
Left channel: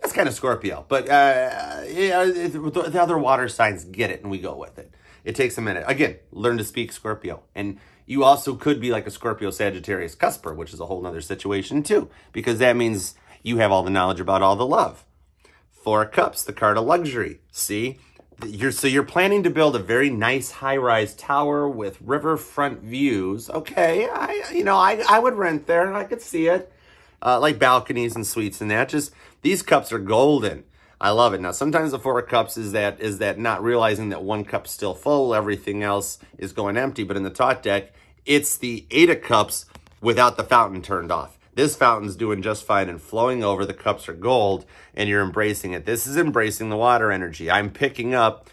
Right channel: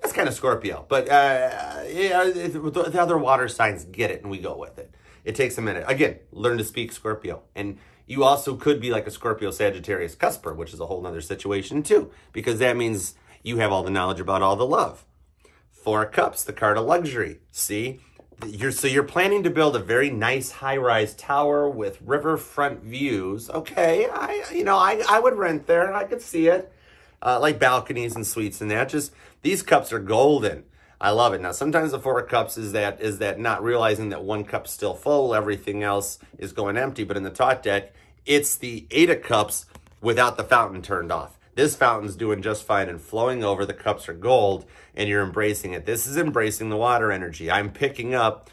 That's kind of Scorpio, but yeah, the other water signs get it, and we go with it. It takes a minute. Again, learn to speak Scorpio. And you also could be like a Scorpio Sagittarius cusper, which is a whole nother situation too, because that means you have all the knowledge about all the love. 4 of Cups, the card of luxury. See, you're planning to build a very nice high-rise tower with riverfront views. Okay, I would rent there. I could see it. Like balconies and suites and that. Just these cups are golden. I love it. Now, sometimes the 4 of Cups is that not realizing that one cup's still full, everything else is going empty. But in the top deck, it's the 8 of Cups without the fountain turned off. This fountain's doing just fine and flowing over. The cups are gold, and you're embracing it. This is embracing the water energy. I pick up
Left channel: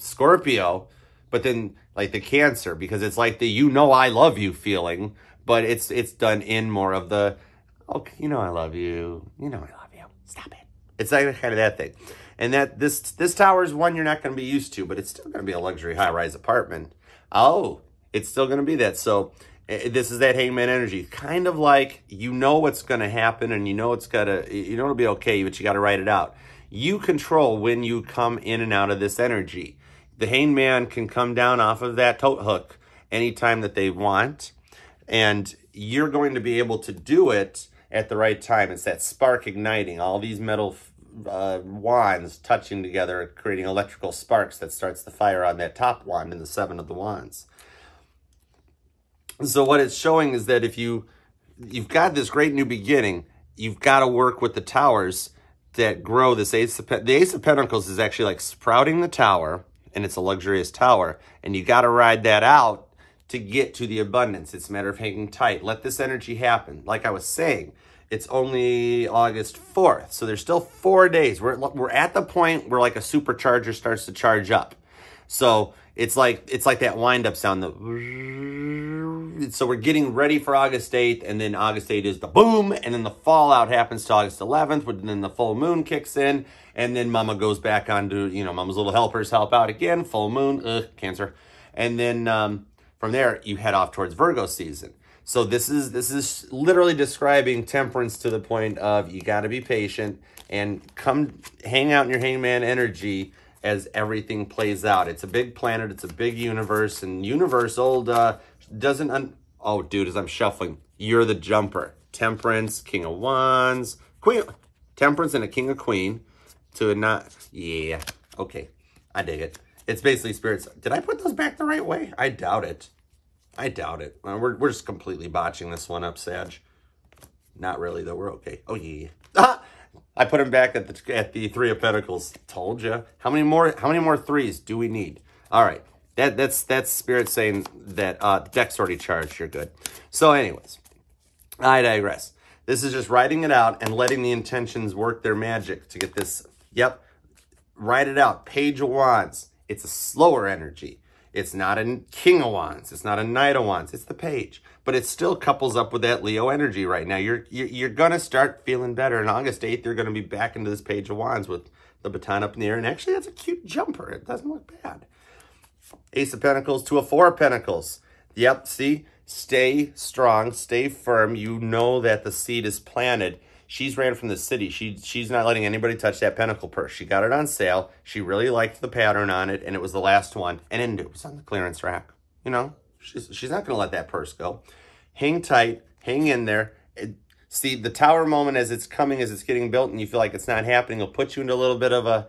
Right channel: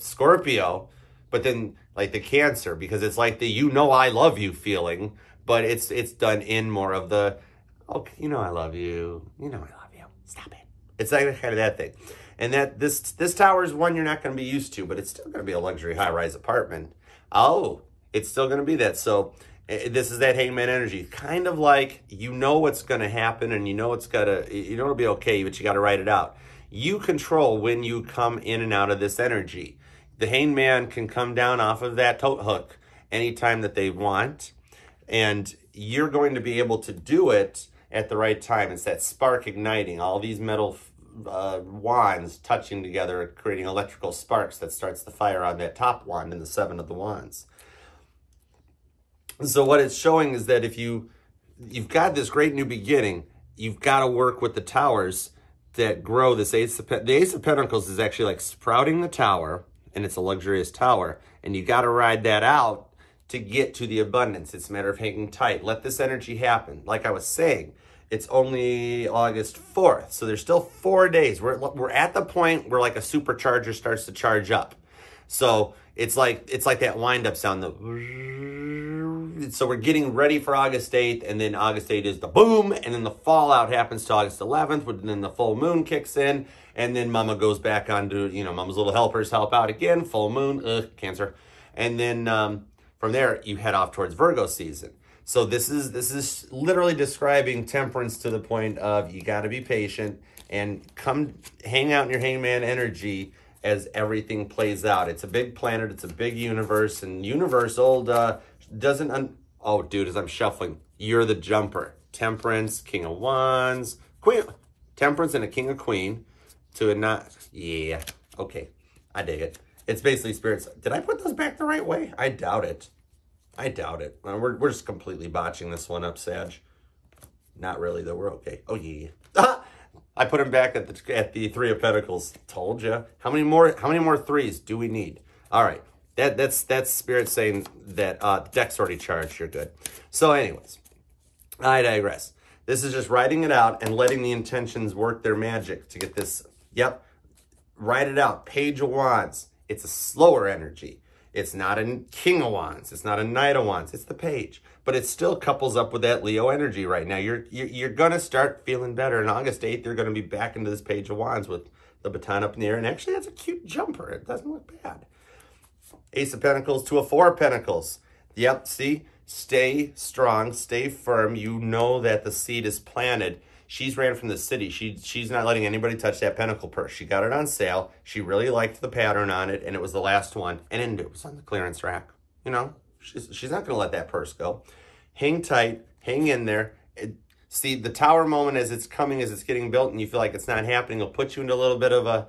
Scorpio, but then like the Cancer, because it's like the I love you feeling. But it's done in more of the, okay, I love you. I love you. Stop it. It's like kind of that thing. And that this tower is one you're not going to be used to, but it's still going to be a luxury high-rise apartment. Oh, it's still going to be that. So this is that Hangman energy. Kind of like, you know what's going to happen, and you know it'll be okay, but you got to write it out. You control when you come in and out of this energy. The Hangman can come down off of that tote hook anytime that they want, and you're going to be able to do it at the right time. It's that spark igniting, all these metal wands touching together, creating electrical sparks that starts the fire on that top wand in the 7 of the wands. So what it's showing is that if you've got this great new beginning, you've got to work with the towers that grow this the Ace of Pentacles is actually like sprouting the tower, and it's a luxurious tower, and you got to ride that out to get to the abundance. It's a matter of hanging tight. Let this energy happen. Like I was saying, it's only August 4th, so there's still 4 days. We're at the point where like a supercharger starts to charge up. So it's like that wind-up sound. So we're getting ready for August 8th, and then August 8th is the boom, and then the fallout happens to August 11th, and then the full moon kicks in, and then Mama goes back on to, Mama's little helpers help out again, full moon, Cancer. And then from there, you head off towards Virgo season. So this is literally describing temperance to the point of you got to be patient and come hang out in your Hangman energy as everything plays out. It's a big planet. It's a big universe. And universe doesn't... oh, dude, as I'm shuffling, you're the jumper. Temperance, King of Wands, Queen... Temperance and a King of Queen to a not... Yeah, okay. I dig it. It's basically spirits. Did I put those back the right way? I doubt it. I doubt it. We're just completely botching this one up, Sag. Not really, though. We're okay. Oh, yeah. Ah! I put them back at the 3 of Pentacles. Told you. How many more threes do we need? All right. That's Spirit saying that the deck's already charged. You're good. So anyways, I digress. This is just writing it out and letting the intentions work their magic to get this. Yep. Write it out. Page of Wands. It's a slower energy. It's not a King of Wands. It's not a Knight of Wands. It's the Page. But it still couples up with that Leo energy right now. You're going to start feeling better. On August 8th, you're going to be back into this Page of Wands with the baton up in the air. And actually, that's a cute jumper. It doesn't look bad. Ace of Pentacles to a 4 of Pentacles. Yep, see? Stay strong. Stay firm. You know that the seed is planted. She's ran from the city. She's not letting anybody touch that pentacle purse. She got it on sale. She really liked the pattern on it, and it was the last one. And it was on the clearance rack. She's not going to let that purse go. Hang tight. Hang in there. See, the tower moment as it's coming, as it's getting built, and you feel like it's not happening, will put you into a little bit of a,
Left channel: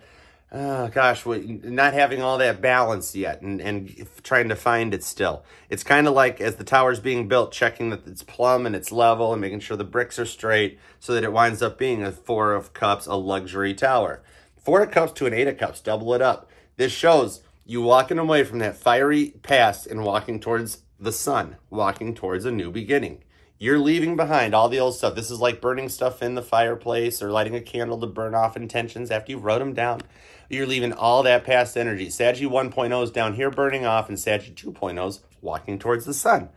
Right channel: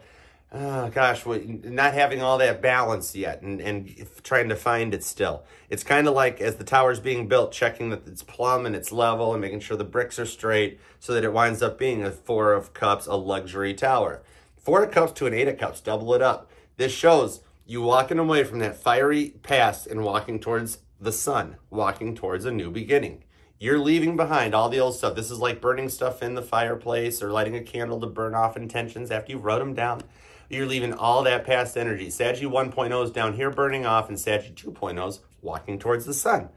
oh gosh, not having all that balance yet and trying to find it still. It's kind of like as the tower's being built, checking that it's plumb and it's level and making sure the bricks are straight so that it winds up being a 4 of Cups, a luxury tower. 4 of Cups to an 8 of Cups, double it up. This shows you walking away from that fiery past and walking towards the sun, walking towards a new beginning. You're leaving behind all the old stuff. This is like burning stuff in the fireplace or lighting a candle to burn off intentions after you wrote them down. You're leaving all that past energy. Saggy 1.0 is down here burning off, and Saggy 2.0 is walking towards the sun.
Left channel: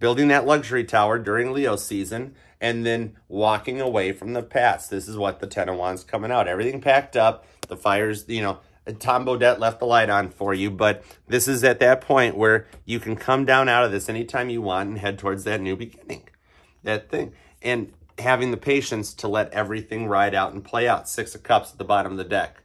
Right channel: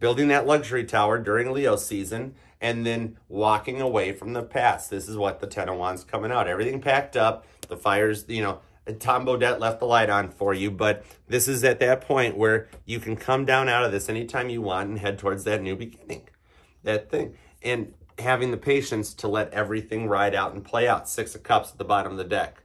Building that luxury tower during Leo season, and then walking away from the past. This is what the 10 of Wands coming out. Everything packed up. The fires, Tom Bodette left the light on for you, but this is at that point where you can come down out of this anytime you want and head towards that new beginning. That thing. And having the patience to let everything ride out and play out. 6 of Cups at the bottom of the deck.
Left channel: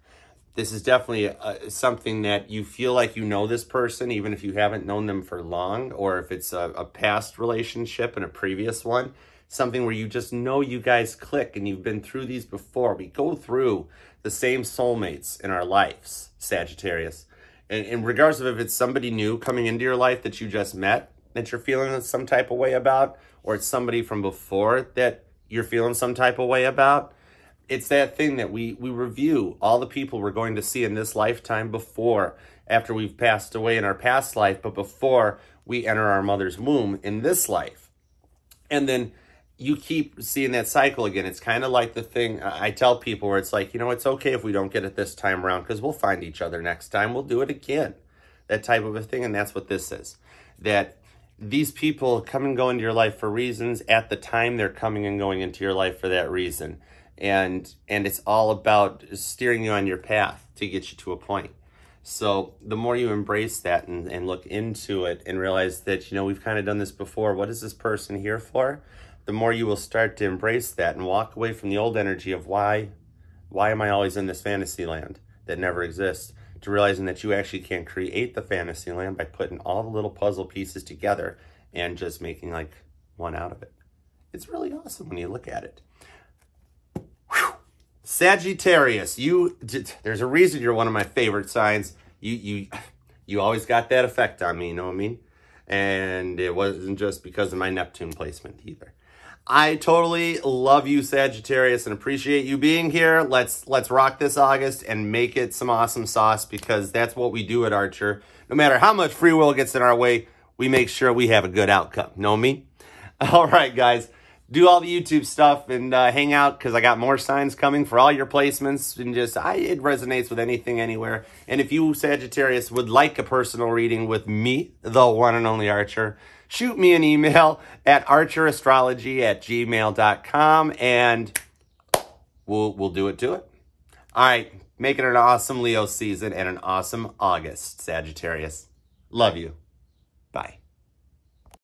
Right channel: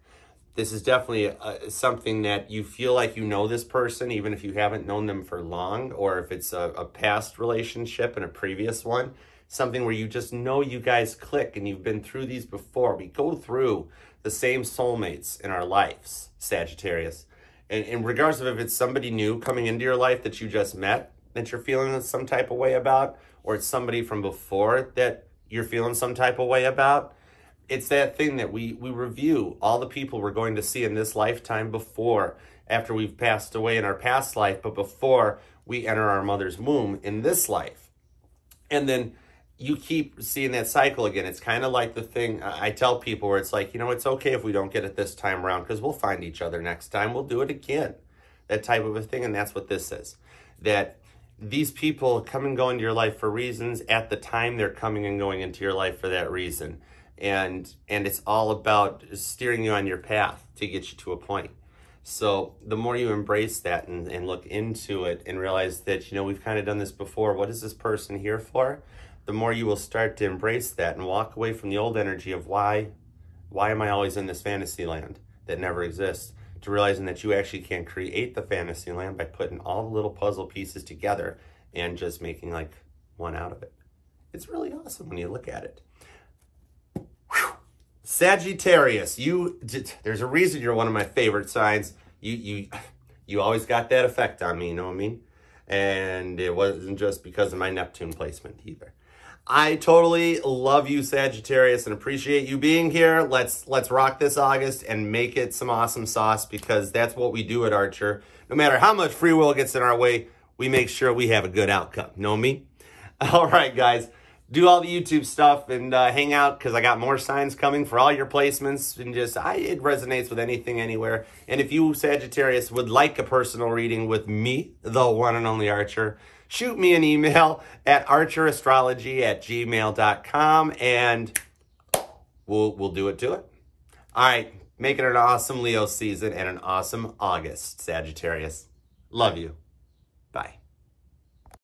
This is definitely something that you feel like you know this person, even if you haven't known them for long, or if it's a past relationship and a previous one. Something where you just know you guys click and you've been through these before. We go through the same soulmates in our lives, Sagittarius. And regardless of if it's somebody new coming into your life that you just met, that you're feeling some type of way about, or it's somebody from before that you're feeling some type of way about, it's that thing that we review all the people we're going to see in this lifetime before, after we've passed away in our past life, but before we enter our mother's womb in this life. And then you keep seeing that cycle again. It's kind of like the thing I tell people where it's like, it's okay if we don't get it this time around because we'll find each other next time. We'll do it again. That type of a thing. And that's what this is. That these people come and go into your life for reasons. At the time, they're coming and going into your life for that reason. And it's all about steering you on your path to get you to a point. So the more you embrace that and look into it and realize that, you know, we've kind of done this before. What is this person here for? The more you will start to embrace that and walk away from the old energy of why am I always in this fantasy land that never exists, to realizing that you actually can create the fantasy land by putting all the little puzzle pieces together and just making like one out of it. It's really awesome when you look at it. Whew. Sagittarius, there's a reason you're one of my favorite signs. You always got that effect on me, you know what I mean? And it wasn't just because of my Neptune placement either. I totally love you, Sagittarius, and appreciate you being here. Let's rock this August and make it some awesome sauce, because that's what we do at Archer. No matter how much free will gets in our way, we make sure we have a good outcome. Know me? All right, guys. Do all the YouTube stuff and hang out, because I got more signs coming for all your placements. And it resonates with anything, anywhere. And if you, Sagittarius, would like a personal reading with me, the one and only Archer, shoot me an email at archerastrology@gmail.com, and we'll do it to it. All right, make it an awesome Leo season and an awesome August, Sagittarius. Love you. Bye.